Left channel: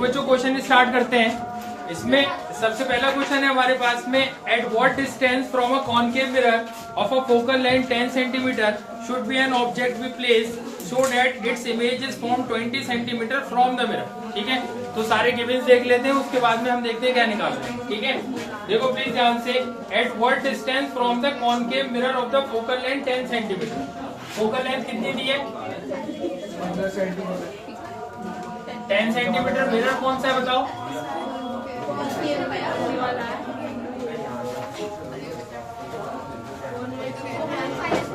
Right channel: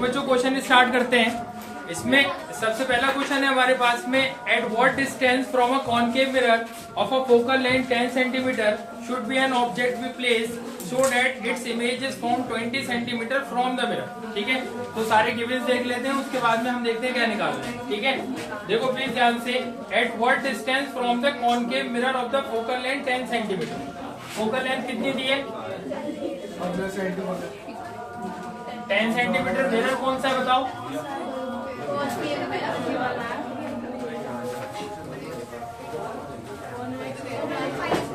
देखो बच्चों question start करते हैं। इसमें सबसे पहला क्वेश्चन है हमारे पास में, at what distance from a concave mirror of a focal length 10 centimetre should be an object be placed so that its image is from 20 centimetre from the mirror. ठीक है, तो सारे गिवंस देख लेते हैं, उसके बाद में हम देखते हैं क्या निकालना है। ठीक है, देखो प्लीज ध्यान से, eight what distance from the concave mirror of the focal length 10 centimetre. Focal length कितनी दी है? 10 सेंटीमीटर। मिरर कौन सा है बताओ?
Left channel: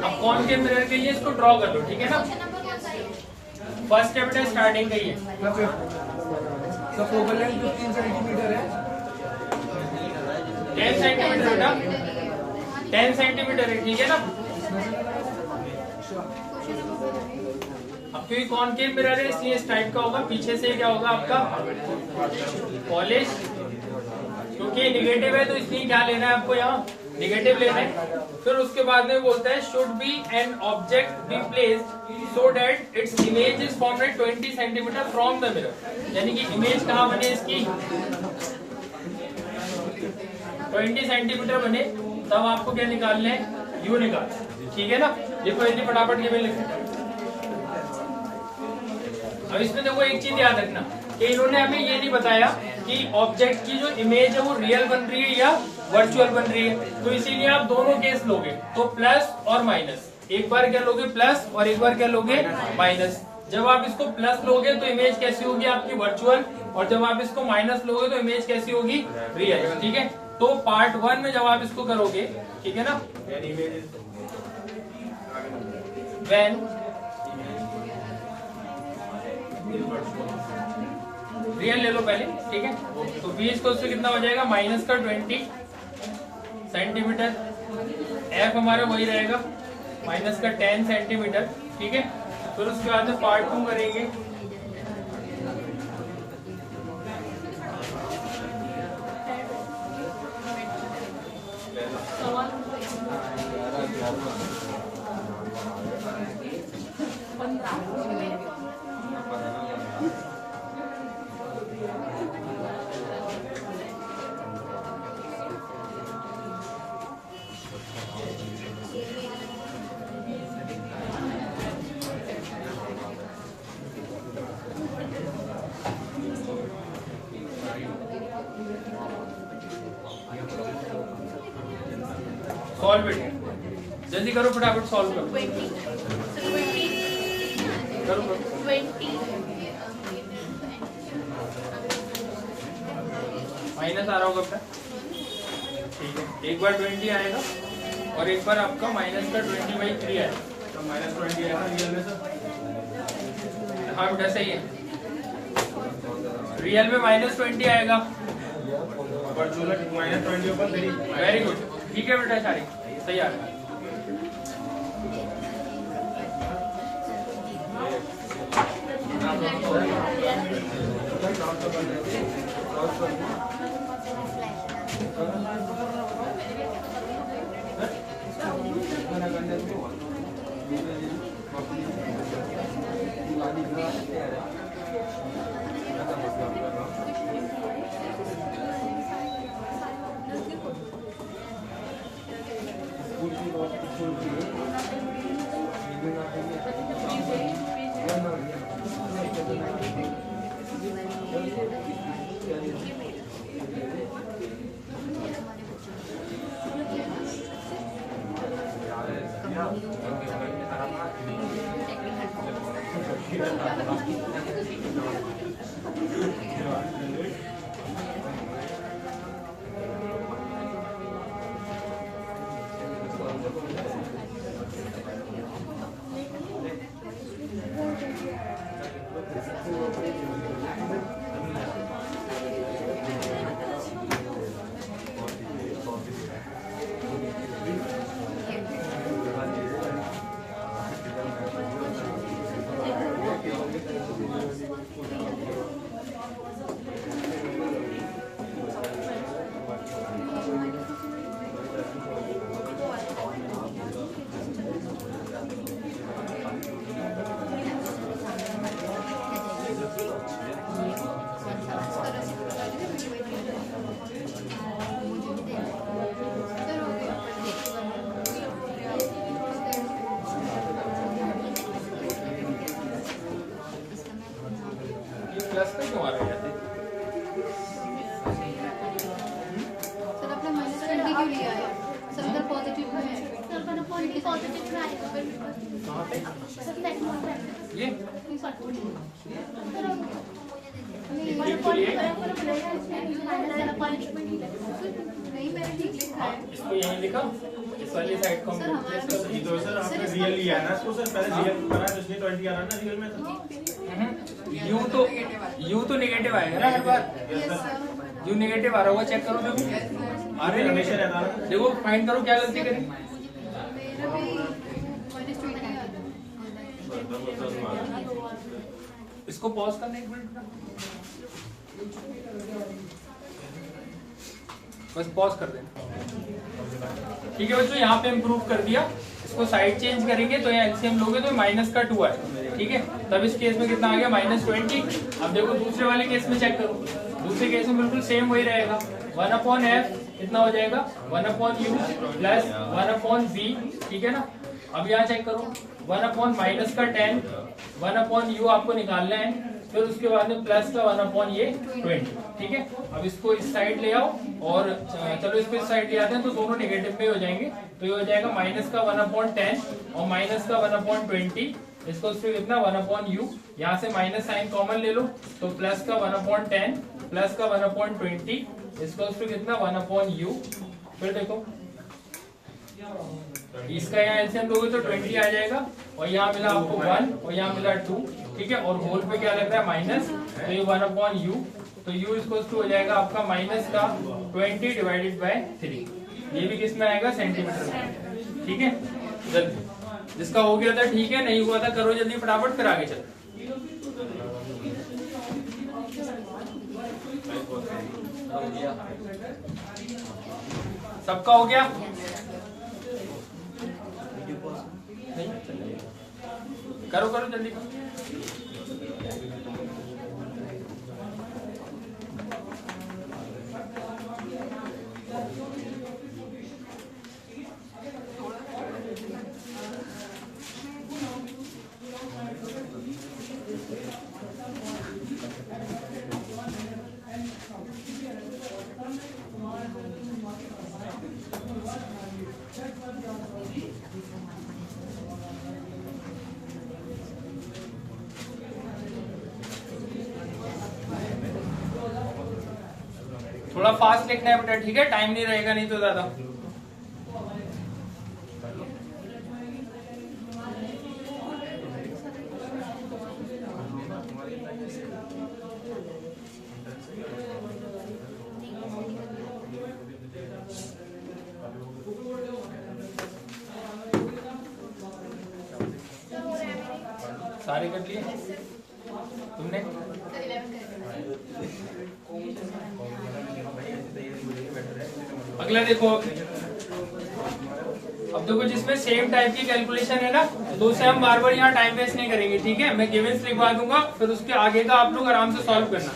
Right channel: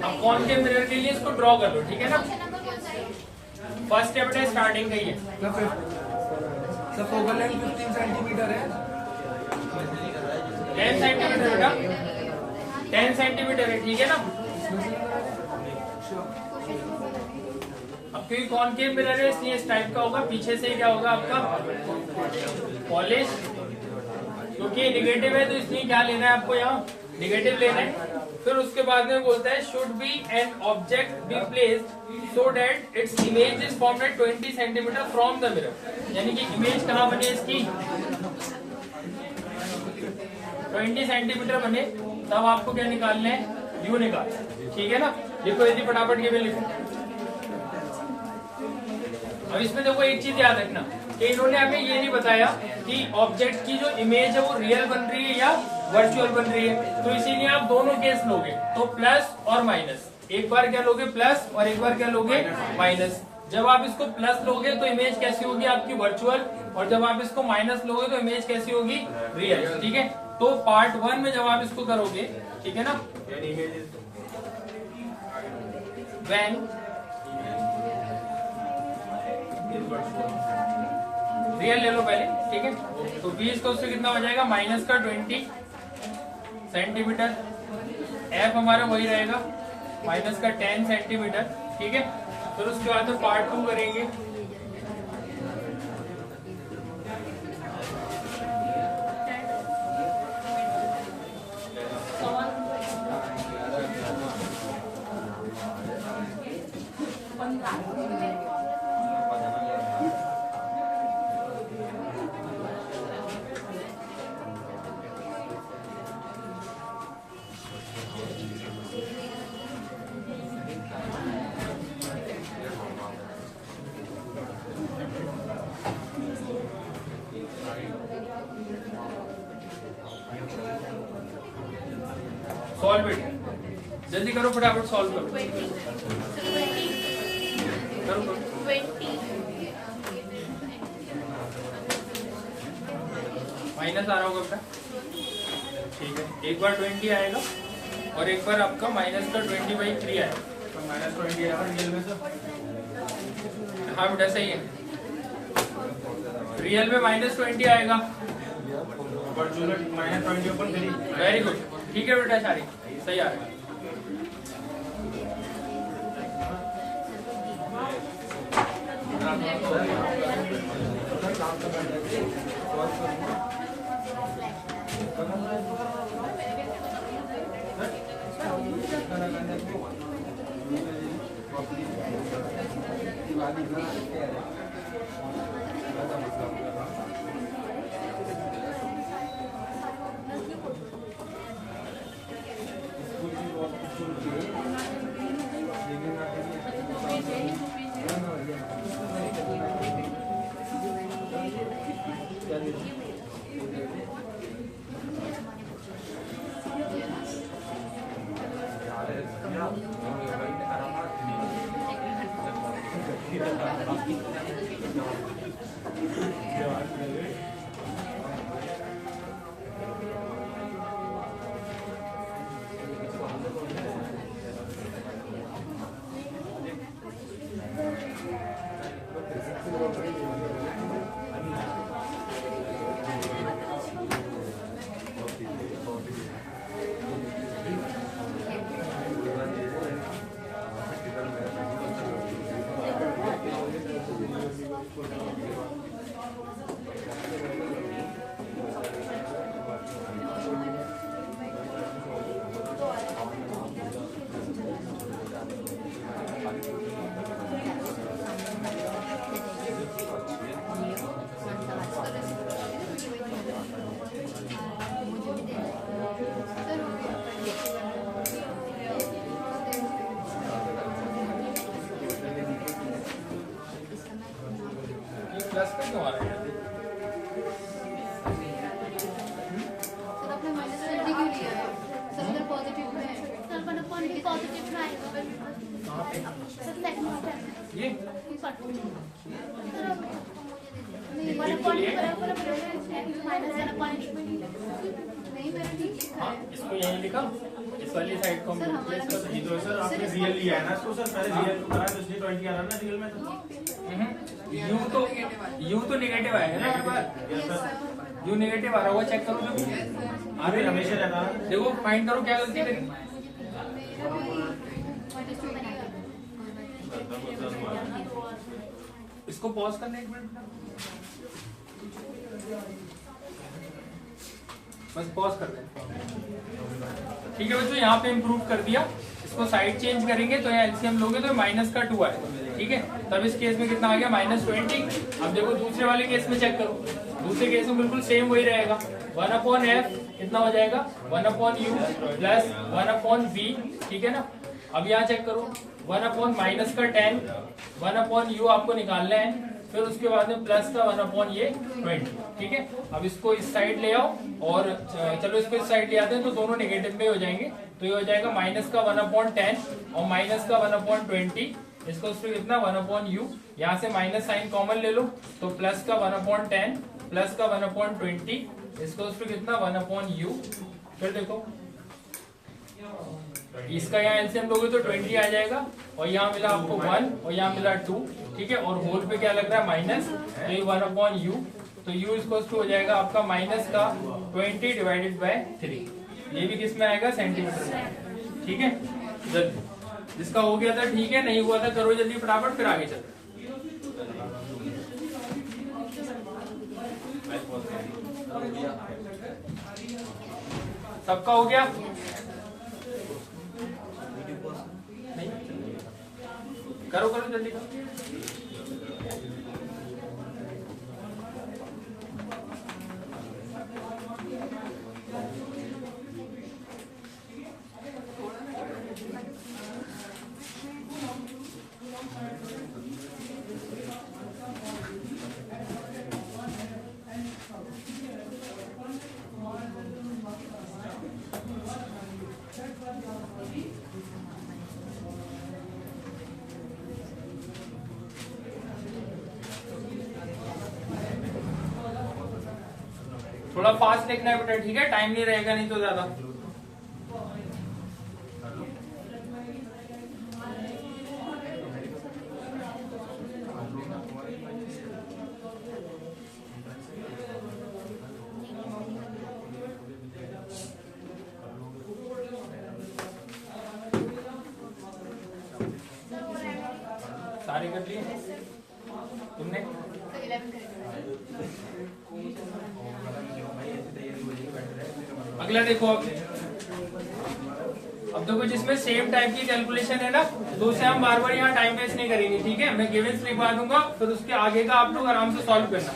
अब कौन के मिरर के लिए इसको ड्रॉ कर लो। ठीक है ना, फर्स्ट स्टेप है स्टार्टिंग का ही है। फोकल लेंथ 15 सेंटीमीटर है। 10 सेंटीमीटर बेटा, 10 सेंटीमीटर है। ठीक है ना, अब क्योंकि कॉनकेव मिरर है इसलिए इस टाइप का होगा। पीछे से क्या होगा आपका? पॉलिश। क्योंकि निगेटिव है तो इसलिए क्या लेना है आपको? यहाँ निगेटिव लेना है। फिर उसके बाद में बोलता है should be an object be placed so that its image is formed at 20 centimetre from the mirror. यानी कि इमेज कहाँ बने इसकी? 20 सेंटीमीटर बने, तब आपको क्या निकालना है? यू निकालना। ठीक है ना, लिखो यदि फटाफट के में लिखो। अब इसमें देखो एक चीज याद रखना कि इन्होंने हमें ये नहीं बताया कि ऑब्जेक्ट की जो इमेज है वो रियल बन रही है या वर्चुअल बन रही है, तो इसीलिए आप दोनों केस लोगे, तो प्लस और माइनस। एक बार क्या लोगे? प्लस, और एक बार क्या लोगे? माइनस। जब आप इसको प्लस लोगे तो इमेज कैसी होगी आपकी? वर्चुअल। और जब आप इसको माइनस लोगे तो इमेज कैसी होगी? रियल। ठीक है, तो पार्ट 1 में जब आप इसको करोगे, ठीक है ना, व्हेन रियल ले लो पहले। ठीक है, तो 20 को उससे कितना हो जाएगा? माइनस का 20 सेंटीमीटर। एफ हमारा वही रहेगा, माइनस का 10 सेंटीमीटर। ठीक है, फिर उसके बाद में पार्ट 2 करेंगे। सॉल्व इट, जल्दी करो फटाफट, सॉल्व करो। 20 माइनस आ रहा होगा बेटा। ठीक है, एक बार 20 आएगा और एक बार आपका माइनस का 20/3 आएगा। तो माइनस 20 आएगा रियल में। तो हाँ बेटा सही है, रियल में माइनस 20 आएगा, माइनस 20 वेरी गुड। ठीक है बेटा, सारी सही आ रहा है। प्लस का क्यों आ रहा है? सर आपने माइनस 20 क्यों लिया है? सर अगर पॉजिटिव में है सर 1 अपॉन के पॉजिटिव में आएगा सर नेट नोट है ये नहीं 1 अपॉन के माइनस 1 अपॉन नहीं, मैंने ठीक लिखा है। इसको यहीं लिखा, इस वाली साइड को हम सर, हमारा replace कर ये तो सर आपने रियल लिया है ना इसको सर, पहले रियल करा है तो इसलिए 20 आ रहा है ना रियल में तो। यू तो नेगेटिव आएगा ना हर बार, यस सर। यू नेगेटिव आ रहा हुआ चेक करो, देखो अरे हमेशा रहता है। देखो फाइंड करो क्या गलती करी। मेरा भी माइनस 20 आ रहा है। इसको पॉज करना एक मिनट, बस पॉज कर दें। ठीक है बच्चों, यहाँ पे इम्प्रूव कर दिया। इसको साइड चेंज करेंगे तो यहाँ एलसीएम लोगे तो माइनस का 2 आएगा। ठीक है, तब इस केस में कितना आ गया -20। अब देखो दूसरे वाले केस में चेक करो, दूसरे केस में बिल्कुल सेम वही रहेगा। 1/f कितना हो जाएगा 1/u प्लस 1/v। ठीक है ना, अब यहाँ चेक करो 1/-10 1/u आपको निकालना है, फिर उसके बाद में प्लस का 1/20। ठीक है, अब इसको इस साइड ले आओ और चलो इसको इस साइड ले आते हैं तो दोनों नेगेटिव में हो जाएंगे। तो ये हो जाएगा माइनस का 1/10 और माइनस का 1/20। इसको कितना 1/u, यहाँ से माइनस साइन कॉमन ले लो तो प्लस का 1/10 प्लस का 1/20। इसको कितना 1/u। फिर देखो इसका यहाँ एलसीएम लोगे तो 20 आ जाएगा और यहाँ मिला आपको 1 और यहाँ मिला 2। ठीक है, और होल पे क्या लग रहा है माइनस, तो ये 1/u, तो u इसको हो जाएगा आपका माइनस का 20/3। ये भी किस में आएगा सेंटीमीटर में। ठीक है, जल्दी जिसका हो गया था ठीक है, नहीं हुआ था करो जल्दी फटाफट, फिर आगे चलो। सबका हो गया नहीं? करो करो जल्दी करो। थोड़ा फास्ट लिखना है बेटा, ठीक है, टाइम नहीं रहेगा नहीं तो ज्यादा। सारे कर लिए तुमने? अगला देखो, अब देखो जिसमें सेम टाइप की कैलकुलेशन है ना तो उसे हम बार बार यहाँ टाइम वेस्ट नहीं करेंगे। ठीक है, मैं गिवेंस लिखवा दूंगा, फिर उसके आगे का आप लोग आराम से सॉल्व करना।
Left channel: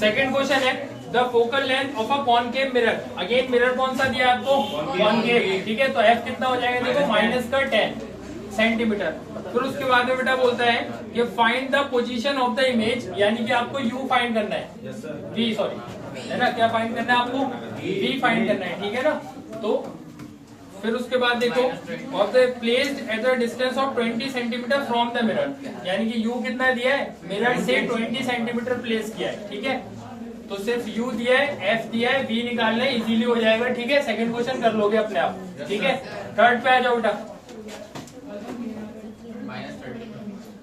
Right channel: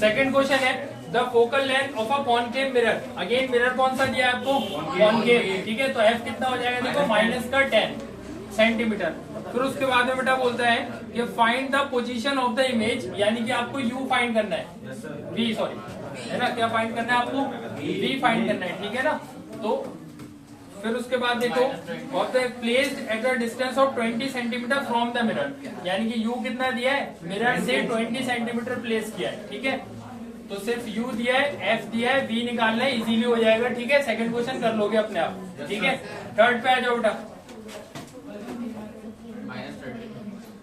सेकंड क्वेश्चन है the focal length of a concave mirror. Again mirror कौन सा दिया है आपको? कॉनकेव। ठीक है, तो एफ कितना हो जाएगा देखो माइनस का 10 सेंटीमीटर। फिर उसके बाद में बेटा बोलता है कि find the position of the image, यानी कि आपको यू फाइंड करना है, v सॉरी है ना, क्या फाइंड करना है आपको? v फाइंड करना है। ठीक है ना, तो फिर उसके बाद देखो of the placed at the distance of 20 centimetre from the mirror, यानी कि u कितना दिया है? मिरर से 20 सेंटीमीटर प्लेस किया है। ठीक है, तो सिर्फ u दिया है, f दिया है, v निकालना है, इजीली हो जाएगा। ठीक है, सेकंड क्वेश्चन कर लोगे अपने आप। ठीक है, थर्ड पे आ जाओ बेटा।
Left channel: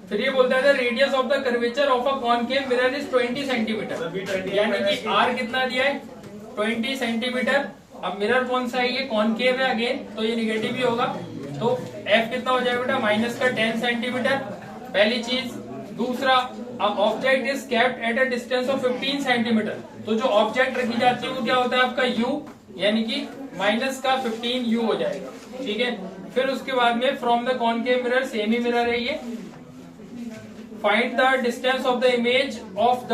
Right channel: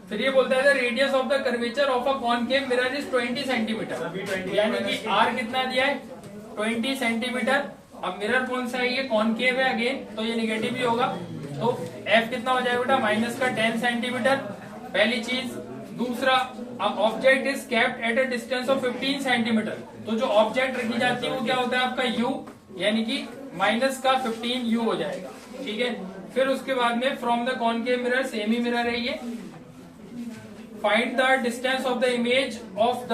फिर ये बोलता है radius of the curvature of a concave mirror is 20 centimetre, यानी कि r कितना दिया है? 20 सेंटीमीटर। अब मिरर कौन सा है? ये कॉनकेव है अगेन, तो ये निगेटिव ही होगा। तो f कितना हो जाएगा बेटा? माइनस का 10 सेंटीमीटर, पहली चीज। दूसरा, अब object is kept at a distance of 15 centimetre, तो जो ऑब्जेक्ट रखी जाती है वो क्या होता है आपका? u, यानी कि माइनस का 15 u हो जाएगा। ठीक है, फिर उसके बाद में from the concave mirror, semi mirror है ये, find the distance of the image of the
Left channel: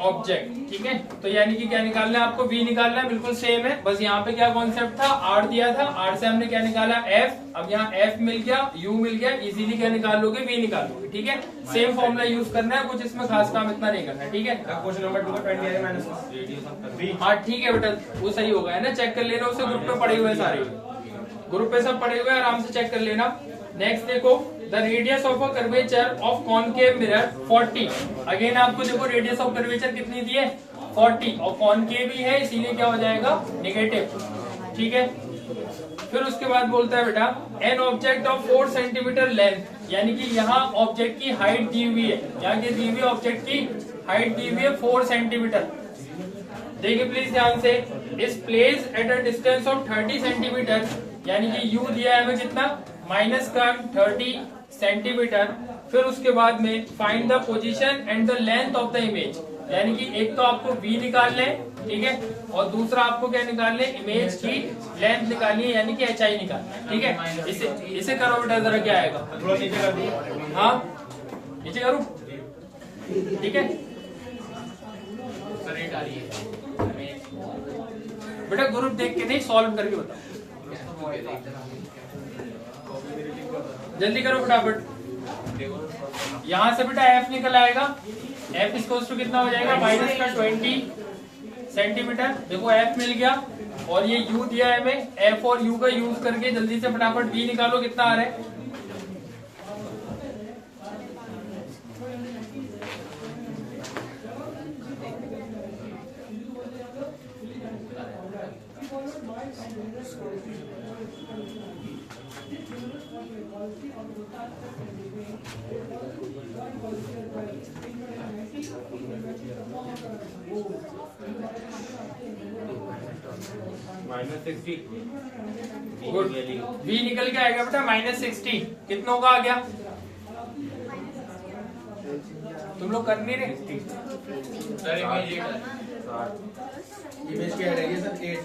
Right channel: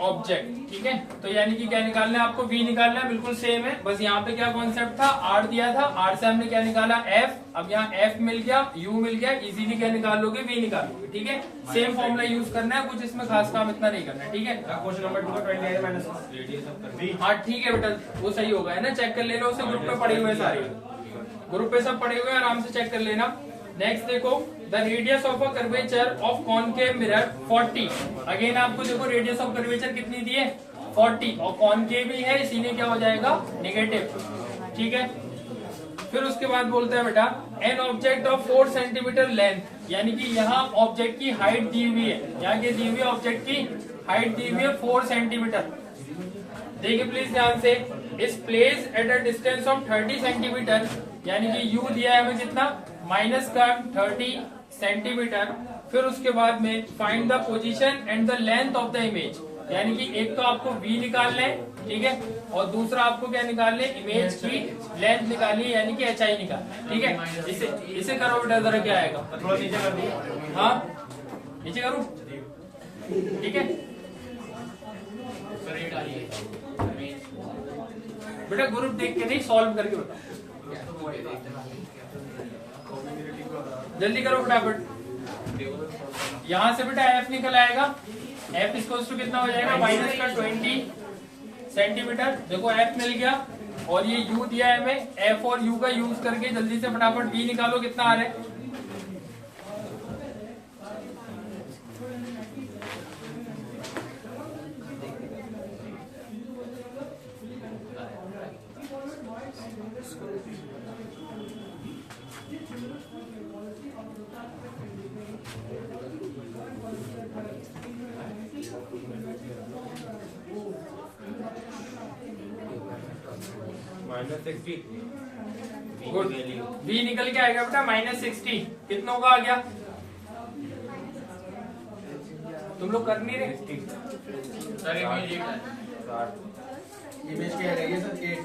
object, ठीक है। तो यानी कि क्या निकालना है आपको, v निकालना है, बिल्कुल सेम है, बस यहाँ पे क्या कॉन्सेप्ट था, r दिया था, r से हमने क्या निकाला f, अब यहाँ f मिल गया, u मिल गया, इजीली क्या निकाल लोगे, v निकाल लोगे, ठीक है। सेम फॉर्मूला यूज करना है, कुछ इसमें खास काम इतना नहीं करना है, ठीक है। क्वेश्चन नंबर 2 का 20 माइनस रेडियस ऑफ v। हाँ ठीक है बेटा, वो सही होगा, है ना, चेक कर लेना, उसे ग्रुप में पड़े हुए हैं सारे, ग्रुप पे सब पड़े हुए हैं, आराम से चेक कर लेना। नेक्स्ट देखो, the radius of a curvature of concave mirror 40। Again आपको देखो रेडियस ऑफ कर्वेचर कितनी दी है, 40, और कॉनकेव भी है, इसीलिए क्या हो जाएगा, नेगेटिव, ठीक है। फिर उसके बाद बोलता है बेटा, an object of 4 centimetre length, यानी कि यहाँ ऑब्जेक्ट की हाइट दी हुई है, यहाँ की दी हुई ऑब्जेक्ट की हाइट दी हुई है 4 सेंटीमीटर। देखिए प्लीज ध्यान से, इस place at a distance of 30 centimetre, यानी कि u दिया है हमें कितना, माइनस का 30 सेंटीमीटर। फिर उसके बाद में find the position and the length of the image, यानी कि एक तो आपको v निकालना है, ठीक है, और दूसरा आपको क्या निकालना है, इमेज की लेंथ निकालनी है, यानी कि hi निकालना है, ठीक है। इसे करो बेटा, जरा क्या आएगा, थोड़ा नीचे कर दो, हाँ नीचे करूँ, ठीक है। बेटा ग्रुप देख के नहीं, सॉल्व करके बता, जल्दी करो फटाफट। यहाँ से बेटा f निकल आएगा, f इक्वल्स टू कितना हो जाएगा, माइनस का 20 सेंटीमीटर। देखो f मिल गया, और ये u दिया है हमें, f और u का यूज करके जल्दी से फटाफट v निकालो, कितना आ रहा है। -60। गुड, v निकल के आएगा बेटा -60, कितना होगा आ गया, तुम लोग कर नहीं रहे। सर इमेज क्या रहेगी सर, 8।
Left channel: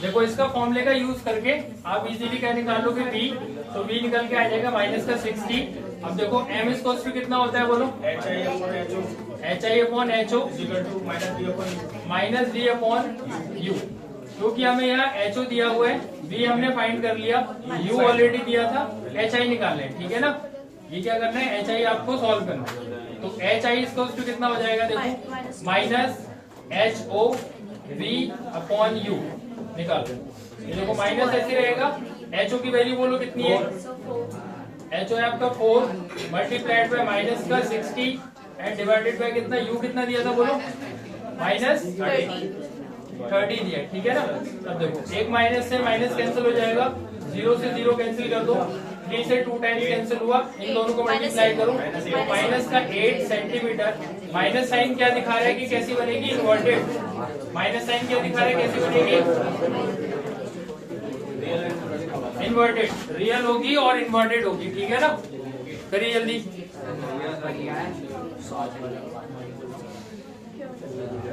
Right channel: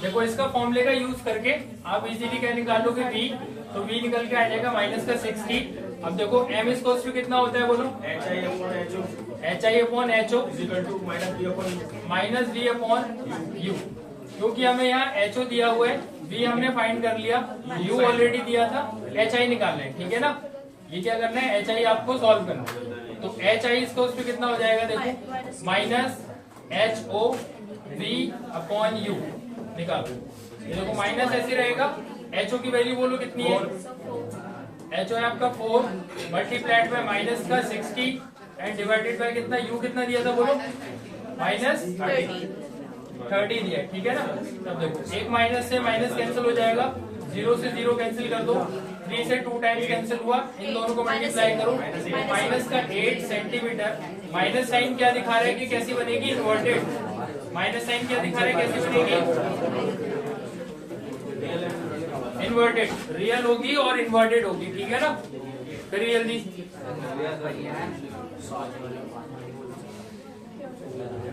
देखो इसका फॉर्मूले का यूज करके आप इजीली क्या निकाल लोगे, v, तो v निकल के आ जाएगा माइनस का 60। अब देखो m इक्वल्स टू कितना होता है बोलो, HI/HO minus v upon u, क्योंकि हमें यहाँ HO दिया हुआ है, v हमने फाइंड कर लिया, u ऑलरेडी दिया था, HI निकालना है, ठीक है ना। ये क्या करना है, HI आपको सॉल्व करना है, तो HI इक्वल्स टू कितना हो जाएगा, देखो minus HO v upon u निकालो। ये देखो माइनस ऐसे रहेगा, HO की वैल्यू बोलो कितनी है, HO है आपका 4 मल्टीप्लाइड बाय माइनस का 60 एंड डिवाइडेड बाय कितना, U कितना दिया था बोलो, माइनस 30 दिया, ठीक है ना। अब देखो एक माइनस से माइनस कैंसिल हो जाएगा, 0 से 0 कैंसिल कर दो, 3 से 2 टाइम्स कैंसिल हुआ, इन दोनों को मल्टीप्लाई करो, माइनस का 8 सेंटीमीटर। माइनस साइन क्या दिखा रहा है कि कैसी बनेगी, इन्वर्टेड। माइनस साइन क्या दिखा रहा है, कैसी बनेगी, इन्वर्टेड, रियल होगी और इन्वर्टेड होगी, ठीक है ना। करिए जल्दी,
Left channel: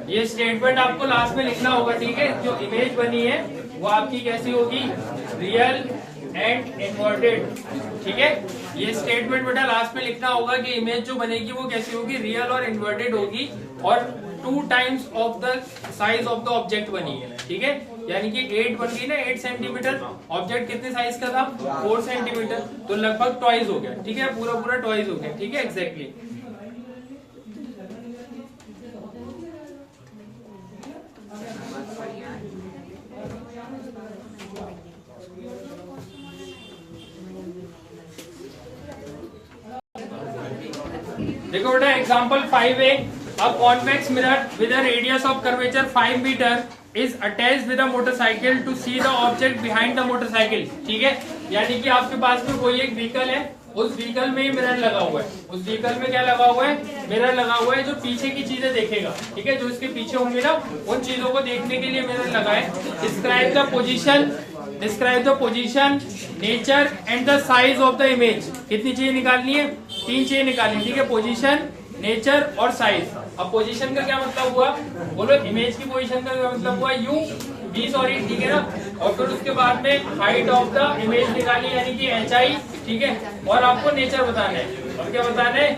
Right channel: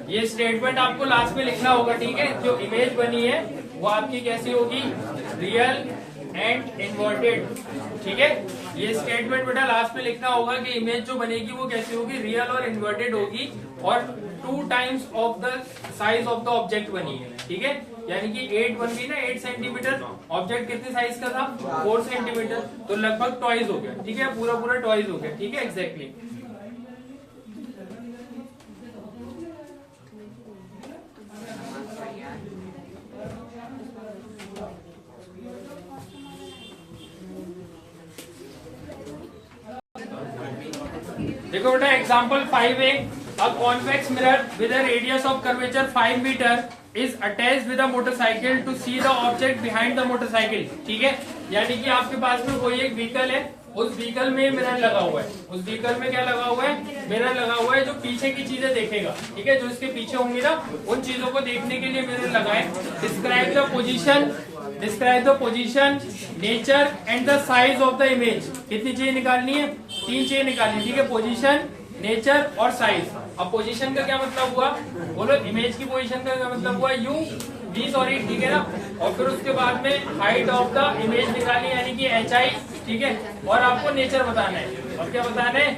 ये स्टेटमेंट आपको लास्ट में लिखना होगा, ठीक है। जो इमेज बनी है वो आपकी कैसी होगी, रियल एंड इन्वर्टेड, ठीक है। ये स्टेटमेंट बेटा लास्ट में लिखना होगा कि इमेज जो बनेगी वो कैसी होगी, रियल और इन्वर्टेड होगी, और 2 times of the size of the object बनी है, ठीक है। यानी कि 8 बन गई ना, 8 सेंटीमीटर, ऑब्जेक्ट कितने साइज का था, 4 सेंटीमीटर, तो लगभग ट्वाइस हो गया, ठीक है, पूरा ट्वाइस हो गया, ठीक है, एग्जैक्टली। देखो बेटा example 5A, A convex mirror with a radius of curvature 5 meter is attached with a motorcycle to see the object behind the motorcycle. ठीक है, यानी कि आपके पास में कोई एक व्हीकल है, उस व्हीकल में मिरर लगा हुआ है, उस व्हीकल में क्या लगा हुआ है, मिरर लगा हुआ है जो पीछे की चीजें देखेगा. ठीक है, जो इसके पीछे होंगी ना उन चीजों को देखने के लिए मिरर लगा है. Describe the position, nature and the size of the image. कितनी चीजें निकालनी है, 3 चीजें निकालनी. ठीक है, पोजीशन, नेचर और साइज. अब पोजीशन का क्या मतलब हुआ, बोलो. इमेज की पोजीशन का क्या मतलब हुआ, यू वी सॉरी. ठीक है ना, और फिर उसके बाद में हाइट ऑफ द इमेज निकाली यानी कि HI. ठीक है, और आपको नेचर बताना है. और क्या बताना है,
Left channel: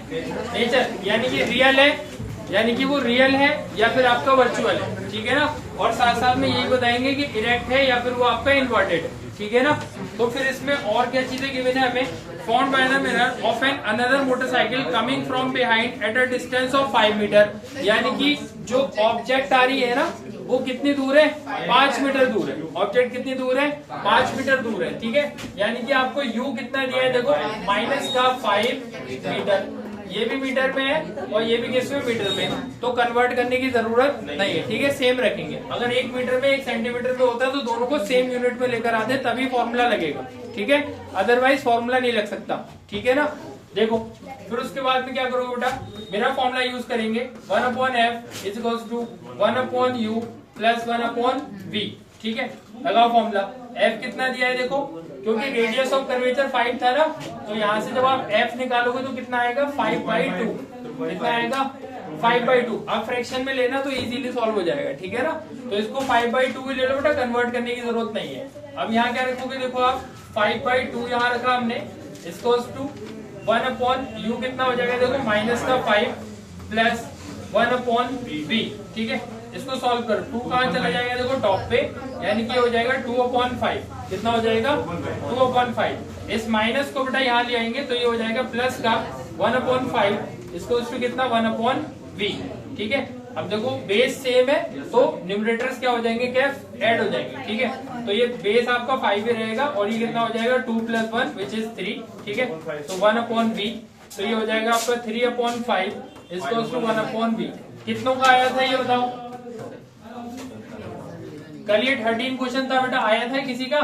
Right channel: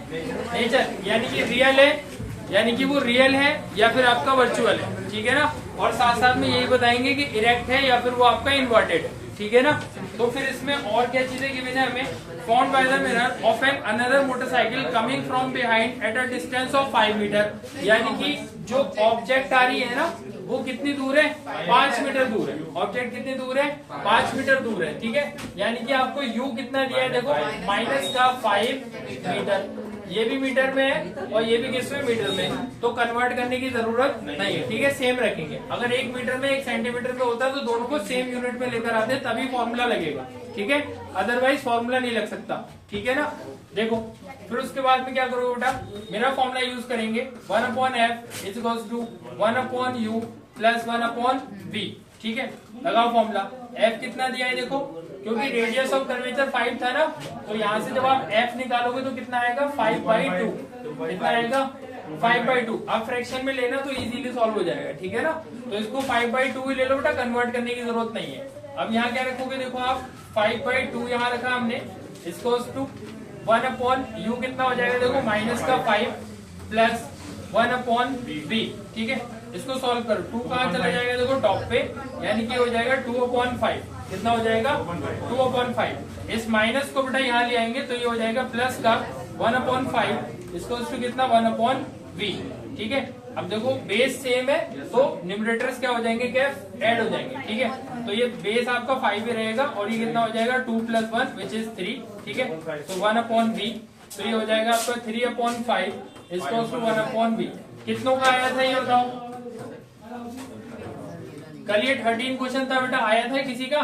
नेचर, यानी कि रियल है, यानी कि वो रियल है या फिर आपका वर्चुअल है. ठीक है ना, और साथ साथ में यही बताएंगे कि इरेक्ट है या फिर वो आपका इन्वर्टेड है. ठीक है ना, तो फिर इसमें और क्या चीजें गिवन है हमें. Found by the mirror of an another motorcycle coming from behind at a distance of 5 metre. यानी कि जो ऑब्जेक्ट आ रही है ना वो कितनी दूर है, 5 मीटर दूर है. ऑब्जेक्ट कितनी दूर है, 5 मीटर दूर है. ठीक है, यानी कि आपको यू कितना दिया है, देखो माइनस का 5 मीटर. ये भी मीटर में है और ये भी किस में, मीटर में है. तो कन्वर्ट करने की जरूरत नहीं है. ठीक है, सेम रखेंगे. अगर 1 मीटर में 1 सेंटीमीटर में होता तो दोनों को सेम यूनिट में लेकर आते तभी फॉर्मूला लगेगा. ठीक है, अदरवाइज फॉर्मूला नहीं लग सकता. ठीक है ना, देखो फिर उसके बाद में क्या करोगे बेटा, मेरा फॉर्मूला यूज करेंगे. 1/f is equals to 1/u plus 1/v. ठीक है, लगाओ फॉर्मूला. f कितना दिया है देखो, क्योंकि रेडियस ऑफ कर्वेचर 5 था ना, तो यहाँ से जब आप f निकालोगे तो कितना आएगा, 5/2. कितना आएगा, 5/2. आप फ्रैक्शन में लेना तो इजीली सॉल्व हो जाएगा. ठीक है ना, तो इसको 5/2 ही ले लो बेटा, कन्वर्ट करने की जरूरत नहीं है. अब यहाँ क्या रखोगे, देखो आप 5/2 यहाँ रखा हमने, इसको 1/u कितना हो जाएगा, देखो माइनस का 5 प्लस 1/v. ठीक है, इसको सॉल्व करो. 2 कहाँ चला जाएगा, देखो टॉप पे, यानी कि हो जाएगा 2/5. कितना हो जाएगा, 2/5. इस माइनस को बेटा यहाँ ले आएंगे तो ये हो जाएगा प्लस का 1/5. इसको कितना, 1/v. ठीक है, अब देखो बेस सेम है तो न्यूमरेटर्स क्या हो जाएंगे, क्या ऐड हो जाएंगे. ठीक है, तो ये बेस आपका 5 ही रहेगा और ये कितना हो जाएगा 2 + 1 विच इज 3. ठीक है, तो 1/v. तो ये हो जाएगा आपका 3/5 इसको 1/v. कितनों का आया था ये बताओ, कल ये 13 क्वेश्चन था बेटा, आया था किसी का.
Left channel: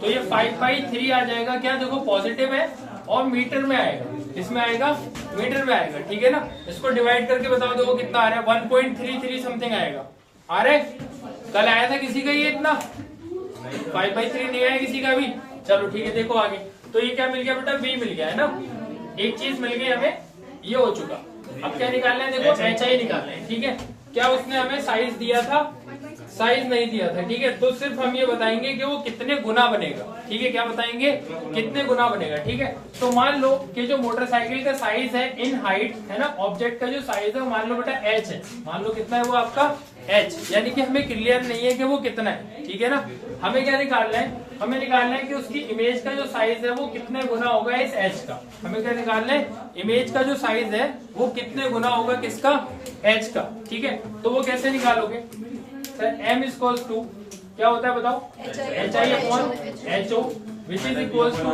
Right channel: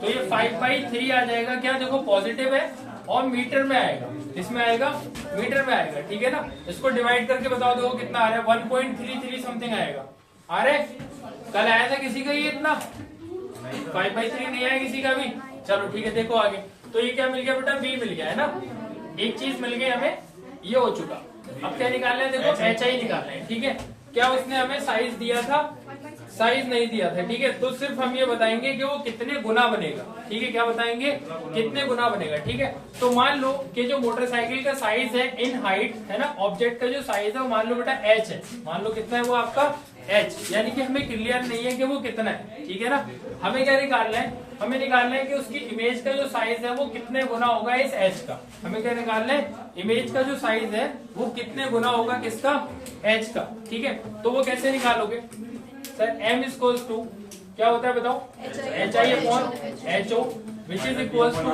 तो ये 5/3 आ जाएगा. क्या देखो पॉजिटिव है और मीटर में आएगा, इसमें आएगा मीटर में आएगा. ठीक है ना, इसको डिवाइड करके बताओ देखो कितना आ रहा है, 1.33 समथिंग आएगा. आ रहा है, कल आया था किसी का ये इतना, 5/3 नहीं आया किसी का भी. चलो ठीक है, देखो आगे. तो ये क्या मिल गया बेटा, v मिल गया है ना, एक चीज मिल गई हमें, ये हो चुका. अब क्या निकालना है, देखो HI निकालना है. ठीक है, क्या उसने हमें साइज दिया था, साइज नहीं दिया था. ठीक है, तो सिर्फ हम ये बताएंगे कि वो कितने गुना बनेगा. ठीक है, क्या बताएंगे, कितने गुना बनेगा. ठीक है, तो मान लो कि जो मोटरसाइकिल का साइज है इन हाइट है ना, ऑब्जेक्ट का जो साइज है वो मान लो बेटा h है. मान लो कितना है वो आपका h, यानी कि हमें क्लियर नहीं है कि वो कितना है. ठीक है ना, हमें क्या निकालना है, हमें निकालना है कि उसकी इमेज का जो साइज है वो कितने गुना होगा इस h का. हमें क्या निकालना है, इमेज का जो साइज है वो कितने गुना होगा किसका, h का. ठीक है, तो वो कैसे निकालोगे सर, m इक्वल्स टू क्या होता है बताओ, HI/HO which is equals to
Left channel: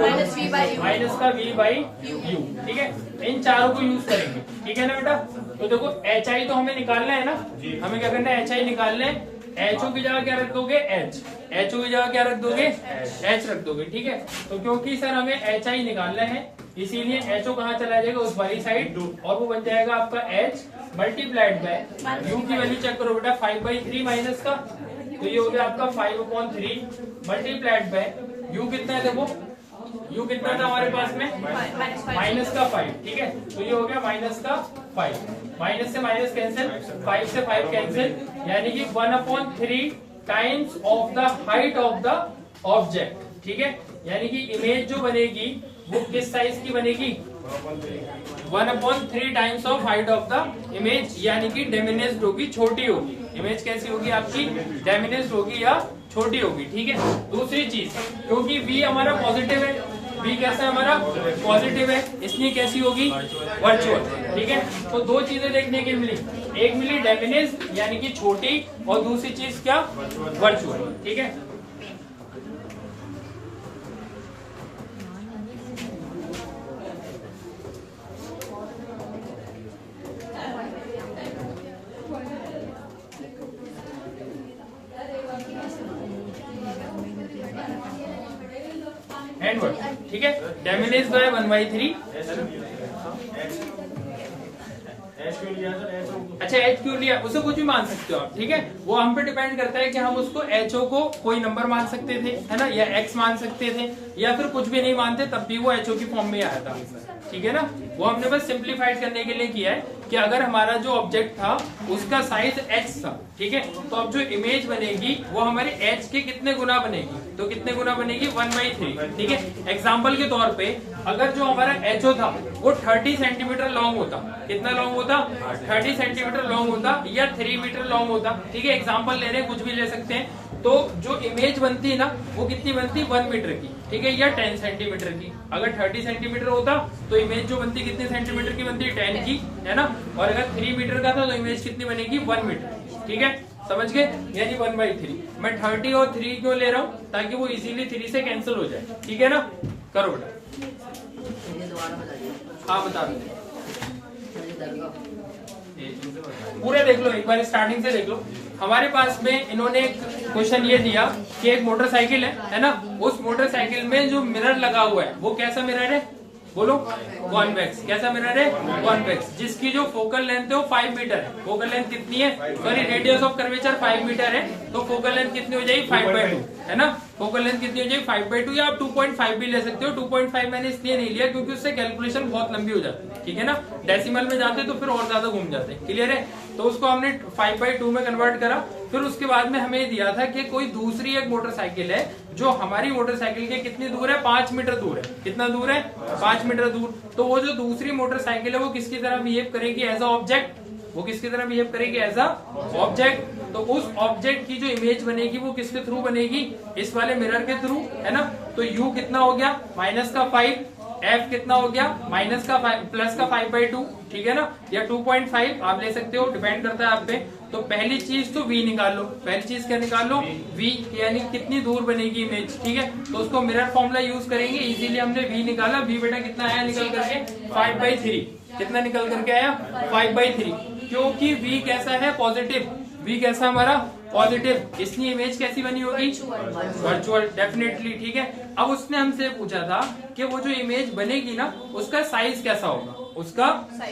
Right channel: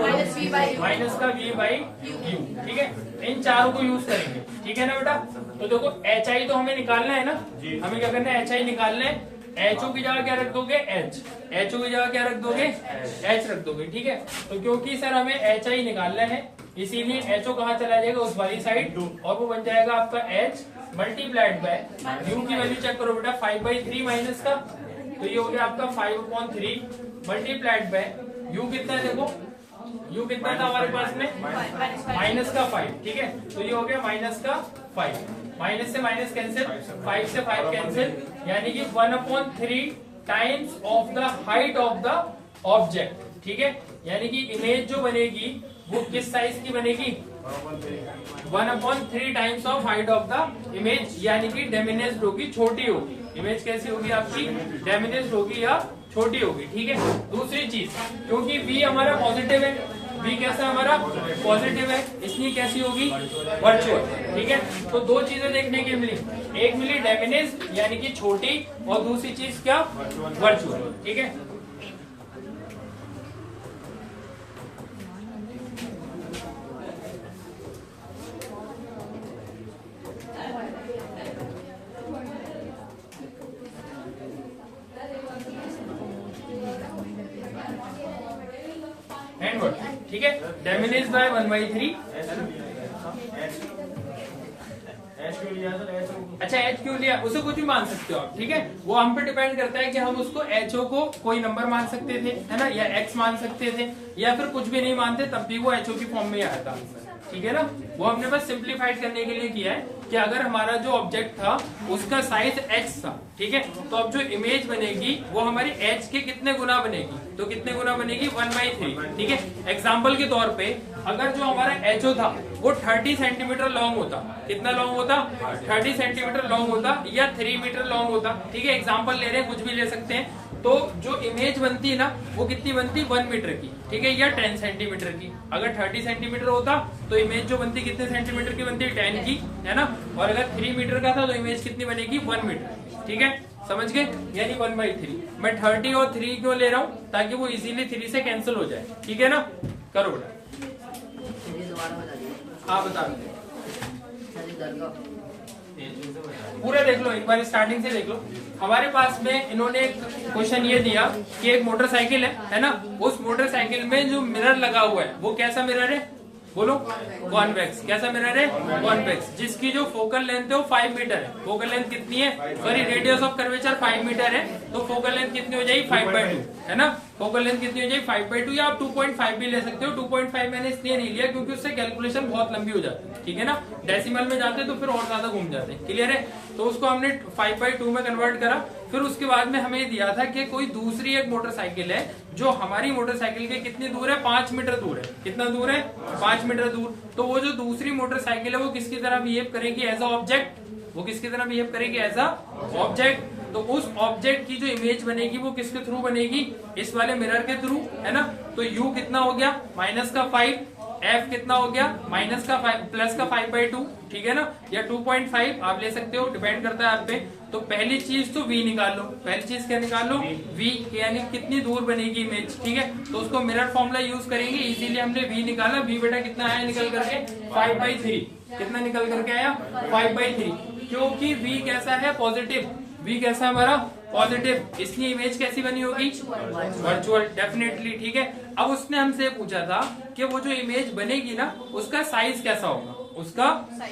minus का v/u. ठीक है, इन चारों को यूज करेंगे. ठीक है ना बेटा, तो देखो HI तो हमें निकालना है ना, हमें क्या करना है, HI निकालना है. HO की जगह क्या रख दोगे, H. HO की जगह क्या रख दोगे, H रख दोगे. ठीक है, तो क्योंकि सर हमें HI निकालना है इसीलिए HO कहाँ चला जाएगा, उस वाली साइड, और वो बन जाएगा आपका H मल्टीप्लाइड बाय u की वैल्यू चेक करो बेटा, 5/3 माइनस का, तो ये हो गया आपका 5/3 मल्टीप्लाइड बाय u कितना है, देखो u कितना था हमारे पास में, माइनस का 5. ठीक है, तो ये हो गया माइनस का 5. माइनस से माइनस कैंसिल, 5 से 5 कैंसिल, यानी कि 1/3 times of the height of the object. ठीक है, यानी कि इमेज जो बनेगी वो किस साइज की बनेगी, 1/3 times of height of the image, यानी कि डिमिनिश्ड होगी, छोटी होगी. इमेज कैसी होगी आपकी, डिमिनिश्ड होगी या छोटी होगी. ठीक है, दूसरी चीज, क्योंकि v हमारा पॉजिटिव है, v कैसा हमारा पॉजिटिव है, इसलिए कैसी होगी, वर्चुअल. ठीक है, तो दो चीजें देखने की मिली, एक मिली डिमिनिश्ड यानी कि छोटी, और दूसरी चीज क्या, वर्चुअल. ठीक है, एंड वर्ड, ठीक है। Diminish bye 1/3। एच क्यों लिया सर? एच अच्छा एच क्यों लिया, उसे कुछ भी मान सकते हो आप, ठीक है। वो हम पे डिपेंड करता है कि हम उसको एचओ को कोई नंबर मान सकते थे, है ना, या एक्स मान सकते थे, या फिर कुछ भी नहीं मानते तब भी वो एचओ की फॉर्म में आया था आंसर, ठीक है ना। वो हमने बस सिंप्लीफाइड करने के लिए किया है कि अगर हमारा जो ऑब्जेक्ट था उसका साइज x था, ठीक है, तो अब जो इमेज बनेगी वो हमारी h के कितने गुना बनेगी, तो कितने गुना बनेगी 1/3, ठीक है। एग्जाम्पल के तौर पे अगर जो हमारा HO था वो 30 सेंटीमीटर लॉन्ग होता, कितना लॉन्ग होता, 30 सेंटीमीटर लॉन्ग होता, या 3 मीटर लॉन्ग होता, ठीक है। एग्जाम्पल ले रहे हैं, कुछ भी ले सकते हैं। तो जो इमेज बनती है ना वो कितनी बनती, 1 मीटर की, ठीक है, या 10 सेंटीमीटर की। अगर 30 सेंटीमीटर होता तो इमेज जो बनती कितने सेंटीमीटर की बनती, 10 की, है ना। और अगर 3 मीटर का था तो इमेज कितनी बनेगी, 1 मीटर, ठीक है, समझ गए, यानी 1/3। मैं 30 और 3 क्यों ले रहा हूँ, ताकि वो इजीली 3 से कैंसिल हो जाए, ठीक है ना। करो बेटा, आप बता दो, पूरा देख लो, एक बार स्टार्टिंग से देख लो। हमारे पास में इन्होंने क्वेश्चन ये दिया कि एक मोटरसाइकिल है ना, उस मोटरसाइकिल में जो मिरर लगा हुआ है वो कैसा मिरर है, बोलो, कॉन्वेक्स। कैसा मिरर है, कॉन्वेक्स, जिसकी जो फोकल लेंथ है वो 5 मीटर है। फोकल लेंथ कितनी है, sorry radius of curvature 5 metre है, तो फोकल लेंथ कितनी हो जाएगी, 5/2, है ना। फोकल लेंथ कितनी हो जाएगी, 5/2, या आप 2.5 भी ले सकते हो। 2.5 मैंने इसलिए नहीं लिया क्योंकि उससे कैलकुलेशन बहुत लंबी हो जाती है, ठीक है ना। डेसिमल में जाते तो फिर और ज्यादा घूम जाते हैं, क्लियर है। तो उसको हमने 5/2 में कन्वर्ट करा। फिर उसके बाद में हमें दिया था कि कोई दूसरी एक मोटरसाइकिल है जो हमारी मोटरसाइकिल के कितनी दूर है, 5 मीटर दूर है। कितना दूर है, 5 मीटर दूर। तो वो जो दूसरी मोटरसाइकिल है वो किसकी तरह बिहेव करेगी, एज अ ऑब्जेक्ट, वो किसकी तरह बिहेव करेगी, एज अ ऑब्जेक्ट। तो उस ऑब्जेक्ट की जो इमेज बनेगी वो किसके थ्रू बनेगी, इस वाले मिरर के थ्रू, है ना। तो u कितना हो गया, -5, f कितना हो गया, प्लस का 5/2, ठीक है ना, या 2.5 आप ले सकते हो, डिपेंड करता है आप पे। तो पहली चीज तो v निकाल लो, पहली चीज क्या निकाल लो, v, यानी कितनी दूर बनेगी इमेज, ठीक है। तो उसको मिरर फॉर्मूला यूज करेंगे, इजीली हमने v निकाला। v बेटा कितना आया निकल करके, 5/3, कितना निकल करके आया, 5/3, क्योंकि v कैसा है, पॉजिटिव, v कैसा हमारा पॉजिटिव, इसलिए इमेज कैसी बनी होगी, वर्चुअल, डेफिनेटली, ठीक है। अब उसने हमसे पूछा था कि वो जो इमेज बनेगी ना उसका साइज कैसा होगा, उसका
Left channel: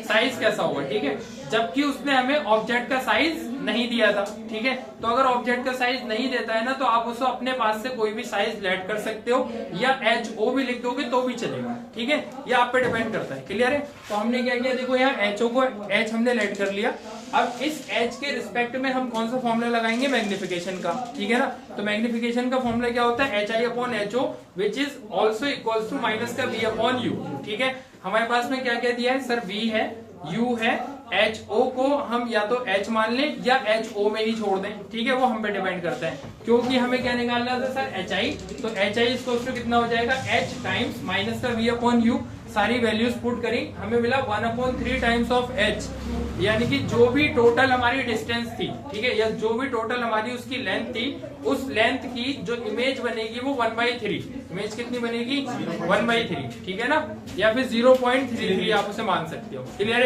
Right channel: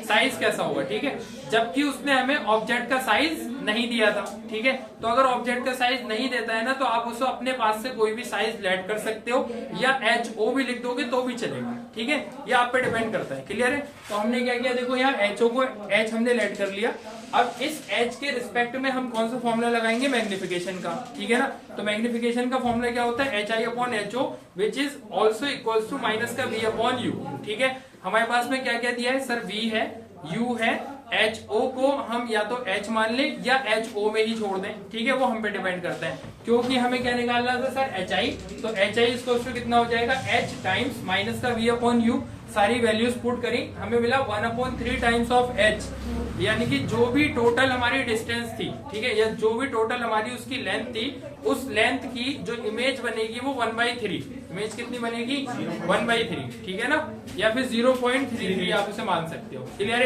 साइज कैसा होगा, ठीक है। जबकि उसने हमें ऑब्जेक्ट का साइज नहीं दिया था, ठीक है। तो अगर ऑब्जेक्ट का साइज नहीं देता है ना तो आप उसको अपने पास से कोई भी साइज लेट कर सकते हो, या HO भी लिख दोगे तो भी चलेगा, ठीक है। ये आप पे डिपेंड करता है, क्लियर है। तो हमने क्या किया, देखो यहाँ HO को H हमने लेट कर लिया। अब इस H के रिस्पेक्ट में हम कौन सा फॉर्मूला लगाएंगे, मैग्निफिकेशन का, ठीक है ना। तो मैग्निफिकेशन का फॉर्मूला क्या होता है, HI/HO which is also equals to minus का V/U, ठीक है। हमारे पास में क्या क्या दिया है सर, V है, U है, HO को हम या तो H मान लें या HO में ही छोड़ दें, ठीक है। वो हम पे डिपेंड करता है, क्योंकि हमें क्या निकालना था सर, HI। तो HI इक्वल्स टू कितना हो जाएगा, H टाइम्स माइनस का V/U, सारी वैल्यूज पुट करी, हमें मिला 1/3 टाइम्स ऑफ H, यानी कि जो भी टोटल हमारी डिस्टेंस थी, ठीक है, या जो भी टोटल हमारी उसकी लेंथ थी, उस लेंथ की जो इमेज बनेगी वो 1/3, इमेज कितनी बनेगी, 1/3, ठीक है ना, या फिर 0.33 आप उसे मान सकते हो, क्लियर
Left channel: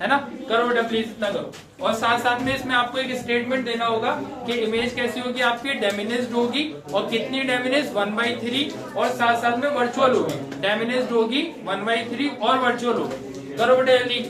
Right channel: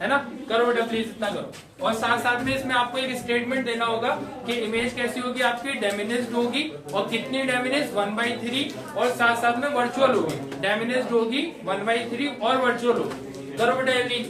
है ना। करो बेटा प्लीज, इतना करो। और साथ साथ में इसमें आपको एक स्टेटमेंट देना होगा कि इमेज कैसी होगी आपकी, डेमिनिश्ड होगी, और कितनी डेमिनिश्ड, 1/3, और साथ साथ में वर्चुअल होगी, डेमिनिश्ड होगी 1/3 और वर्चुअल होगी। करो बेटा जल्दी।